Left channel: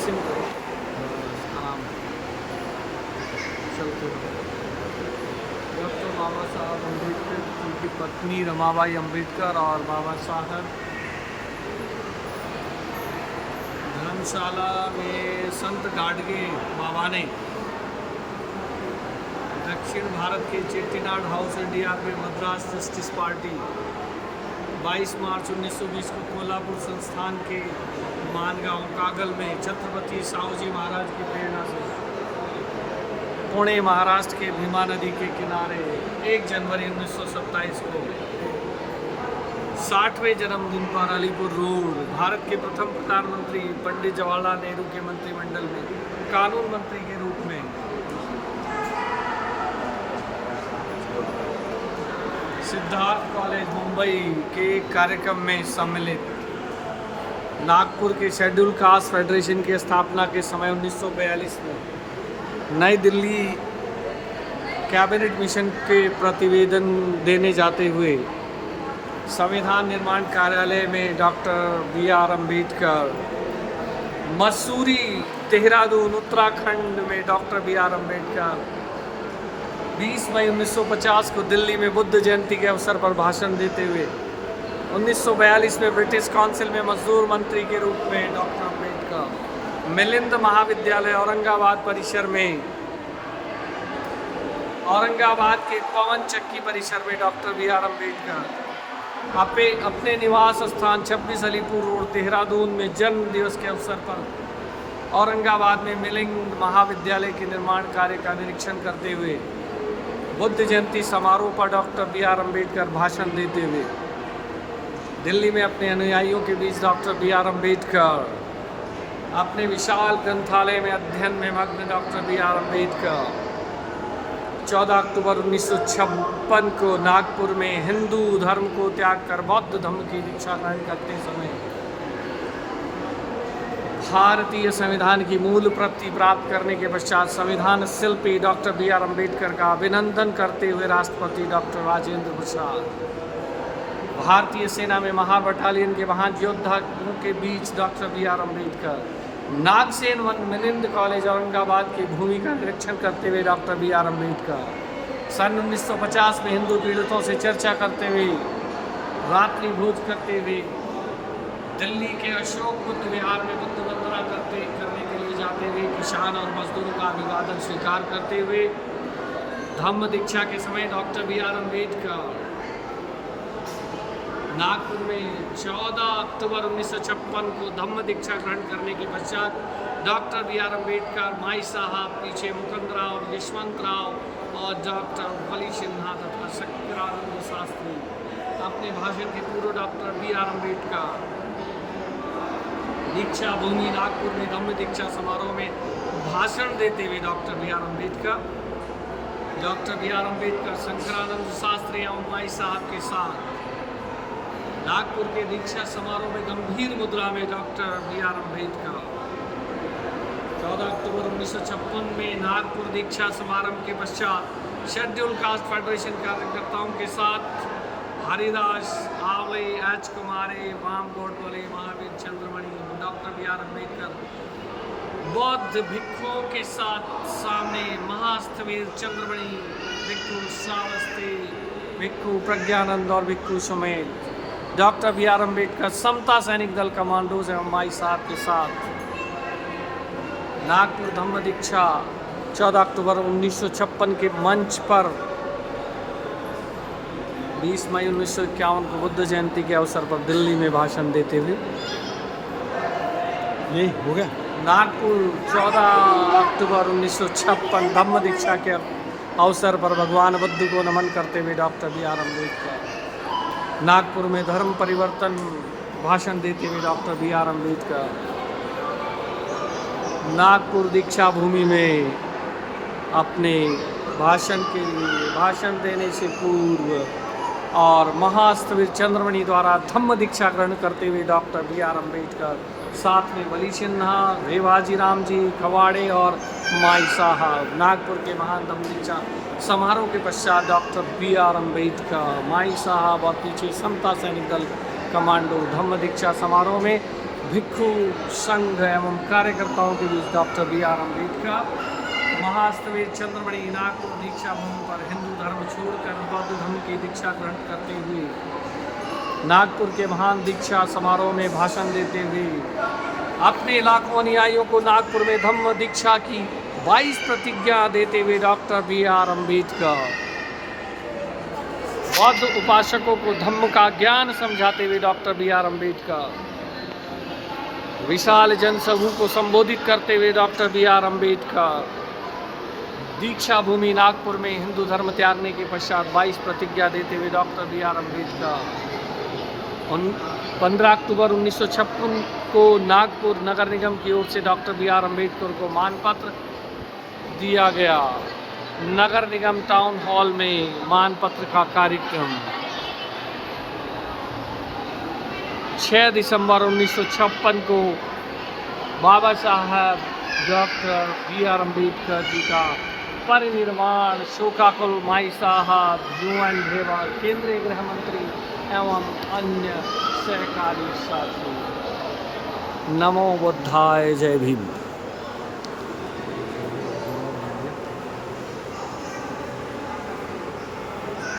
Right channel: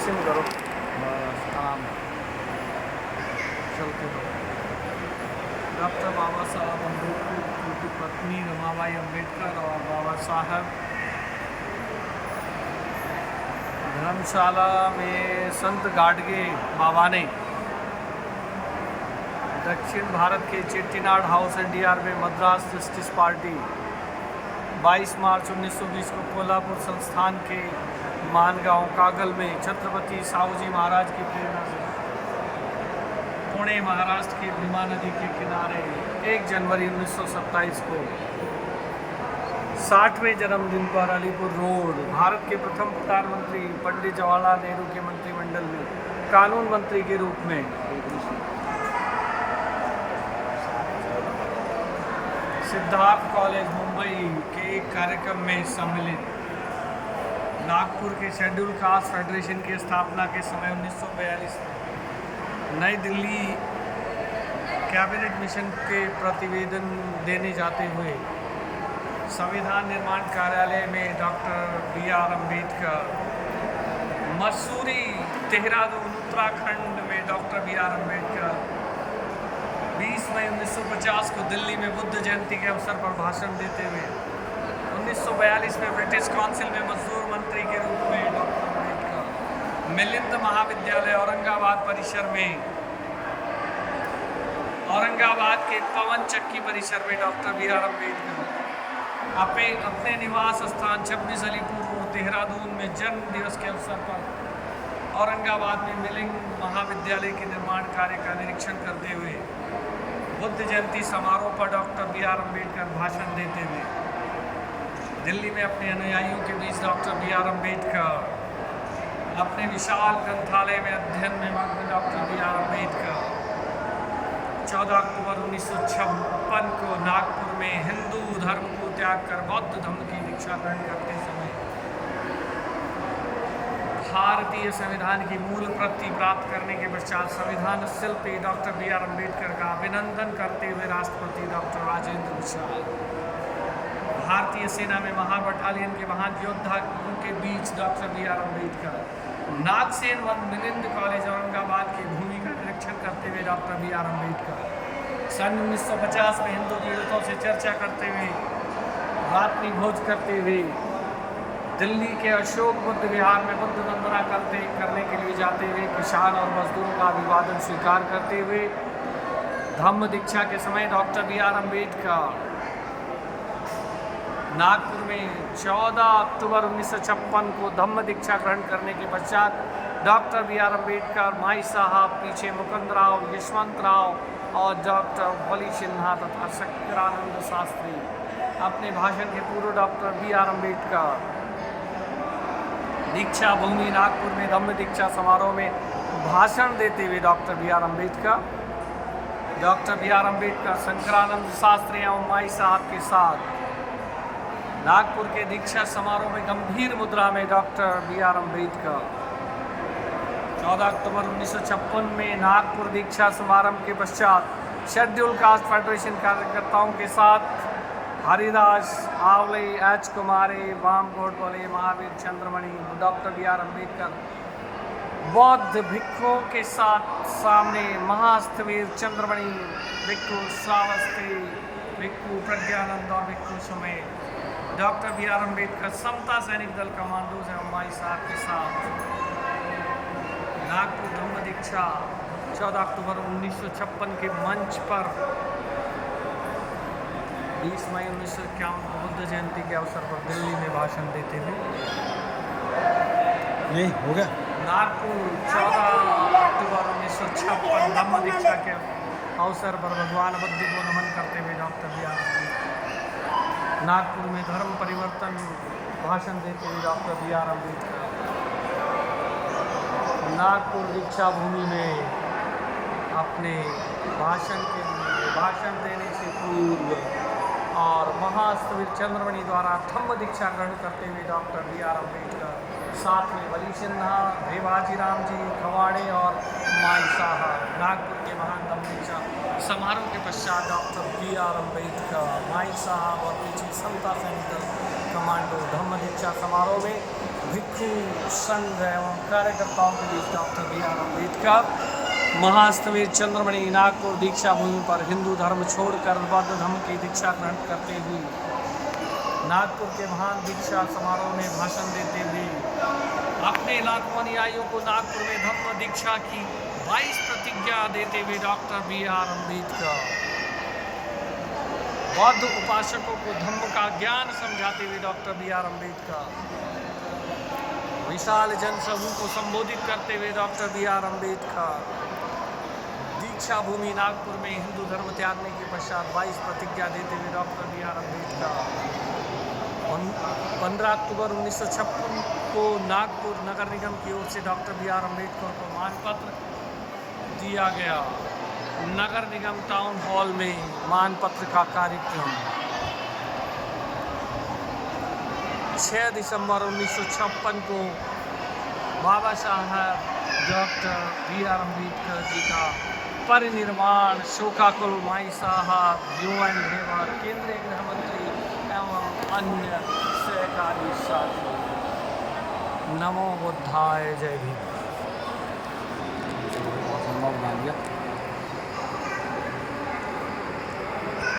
ऐसे नहीं करो, बस आराम चलते रहो। डॉक्टर बाबा साहब अम्बेडकर, उनकी पत्नी रमाबाई अम्बेडकर और बाबा साहब धर्मशाला में संत गाडगे बाबा ने दक्षिण भारत के चेट्टीनाड हाउस एनडीआर में मद्रास जस्टिस पार्टी 22 मार्च 1920 को कोल्हापुर संस्थान के मानगांव कागल में छत्रपति साहूजी महाराज की प्रेरणा से पुणे महाराष्ट्र के भीमा नदी के किनारे 1 जनवरी 1927 को 60वें जन्मदिन पर अलीपुर रोड भारत के प्रथम प्रधानमंत्री पंडित जवाहरलाल नेहरू के मंत्रिमंडल में कानून मंत्री के रूप में सिद्धार्थ कॉलेज मुंबई के कार्यक्रम में सम्मिलित। नागपुर के शेड्यूल कास्ट फेडरेशन की स्थापना के समय 1942 में नई दिल्ली कैबिनेट मिशन के प्रतिवेदन देने जाते हुए संविधान निर्माण कार्यालय में डॉक्टर बी.आर. अम्बेडकर, मसूरी देहरादून उत्तराखंड में डॉक्टर बी.आर. अम्बेडकर 20 मई 1950 को दिल्ली में बुद्ध जयंती के अवसर पर भाषण देते हुए 1942 में ब्रिटिश काउंसिल में मजदूर मंत्री के रूप में डॉक्टर अम्बेडकर, मिलिंद महाविद्यालय औरंगाबाद परिसर में औरंगाबाद के पवन चक्की परिसर में डॉक्टर बी.आर. अम्बेडकर अपने निवास स्थान 26 अलीपुर रोड देहरादून में जन्म दिवस के अवसर पर औरंगाबाद में मिलिंद महाविद्यालय के निर्माण कार्य का निरीक्षण करते हुए बुद्ध जयंती समारोह पर डॉक्टर बी.आर. अम्बेडकर भाषण देते हुए दिल्ली में अपने अनुयायियों के बीच डॉक्टर बी.आर. अम्बेडकर अपने विशाल ग्रंथालय में अध्ययन में मग्न डॉक्टर बी.आर. अम्बेडकर 14 अक्टूबर 1956 को नागपुर में हिंदू धर्म को त्याग कर बौद्ध धर्म की दीक्षा ग्रहण करते समय भारतीय संविधान की मूल प्रति प्राप्त करने के पश्चात संविधान शिल्पी डॉक्टर बी.आर. अम्बेडकर का अभिनंदन करते हुए राष्ट्रपति डॉक्टर राजेंद्र प्रसाद, भारतीय सेना में महा बटालियन के महान योद्धा के बीच डॉक्टर बी.आर. अम्बेडकर, नागसेन वन मिलिंद कॉलेज औरंगाबाद की भूमि का निरीक्षण करते हुए डॉक्टर बी.आर. अम्बेडकर सन 1950 में हिंदू पीड़ितों से चर्चा करते हुए रात्रि भोज करते हुए दिल्ली के अशोक बुद्ध विहार में बुद्ध वंदना करने के लिए जाते हुए किसान और मजदूरों का अभिवादन स्वीकार करते हुए धम्म दीक्षा के समय डॉक्टर बी.आर. अम्बेडकर नागपुर में 14 अक्टूबर 1956 को धम्म दीक्षा ग्रहण करने के पश्चात डॉक्टर बी.आर. अम्बेडकर, माई साहब, पीछे मुकुंद राव, यशवंत राव और डॉक्टर भोली सिन्हा तथा शंकरानंद शास्त्री अपने भाषण के पूर्व डॉक्टर बी.आर. अम्बेडकर दीक्षा भूमि नागपुर में धम्म दीक्षा समारोह में भाषण देते हुए डॉक्टर बी.आर. अम्बेडकर शंकरानंद शास्त्री एवं माई साहब के साथ नागपुर के दीक्षा समारोह में गंभीर मुद्रा में डॉक्टर बी.आर. अम्बेडकर 14 अक्टूबर 1956 में नागपुर दीक्षा समारोह के पश्चात शेड्यूल कास्ट फेडरेशन कार्यकर्ताओं के साथ हरिदास आवले, एच कुमारी, वाम गोडबोले, महावीर चंद्रमणि, डॉक्टर बी.आर. अम्बेडकर बौद्ध भिक्षुओं के साथ सामने महास्थवीर चंद्रमणि, भिक्षु श्रावस्ती, भिक्षु प्रज्ञानंद और भिक्षु सुमेध डॉक्टर बी.आर. अम्बेडकर समता सैनिक दल कमांडोज एवं माई साहब के साथ नागपुर धम्म दीक्षा 14 अक्टूबर 1956 के मंच पर 20 मई 1951 को बुद्ध जयंती के अवसर पर दिल्ली में भाषण देते हुए यही हो गया। नागपुर 14 अक्टूबर 1956 धम्म दीक्षा के अवसर पर भगवान बुद्ध को नमन करते हुए डॉक्टर बी.आर. अम्बेडकर नागपुर में धर्म परिवर्तन भाषण देते हुए डॉक्टर बी.आर. अम्बेडकर नागपुर दीक्षा भूमि में अपने भाषण देने से पूर्व और महास्थवीर चंद्रमणि द्वारा धम्म दीक्षा ग्रहण करते हुए डॉक्टर बी.आर. अम्बेडकर साथ में बली सिन्हा, रेवाजी राम जी कवाड़े और माई साहब नागपुर के महान धम्म दीक्षा समारोह के पश्चात डॉक्टर बी.आर. अम्बेडकर, माई साहब और पीछे समता सैनिक दल कमांडो धम्म दीक्षा समारोह में भिक्षु संघ एवं कार्यकर्ताओं के बीच डॉक्टर बी.आर. अम्बेडकर महास्तवीर चंद्रमणि नागपुर दीक्षा भूमि पर हिंदू धर्म छोड़कर बौद्ध धर्म की दीक्षा ग्रहण करते हुए नागपुर के महान दीक्षा समारोह में भाषण देते हुए अपने लाखों अनुयायियों को नागपुर में धम्म दीक्षा की 22 प्रतिज्ञा देते हुए डॉक्टर बी.आर. अम्बेडकर बौद्ध उपासकों को धम्म का ज्ञान समझाते हुए डॉक्टर बी.आर. अम्बेडकर विशाल जनसमूह को संबोधित करते हुए डॉक्टर बी.आर. अम्बेडकर दीक्षा भूमि नागपुर में हिंदू धर्म त्यागने के पश्चात 22 प्रतिज्ञा देते हुए डॉक्टर बी.आर. अम्बेडकर 15 अक्टूबर 1956 को नागपुर नगर निगम की ओर से डॉक्टर बी.आर. अम्बेडकर को मानपत्र दिया गया। नगर निगम टाउन हॉल में मानपत्र का कार्यक्रम 6 दिसंबर 1956 को बाबा साहब डॉक्टर बी.आर. अम्बेडकर जी का परिनिर्वाण शोकाकुल माई साहब यूएन रेवा केंद्रीय गृह मंत्री एवं अन्य सहकारी साथी। नमो बुद्धाय, जय भीम।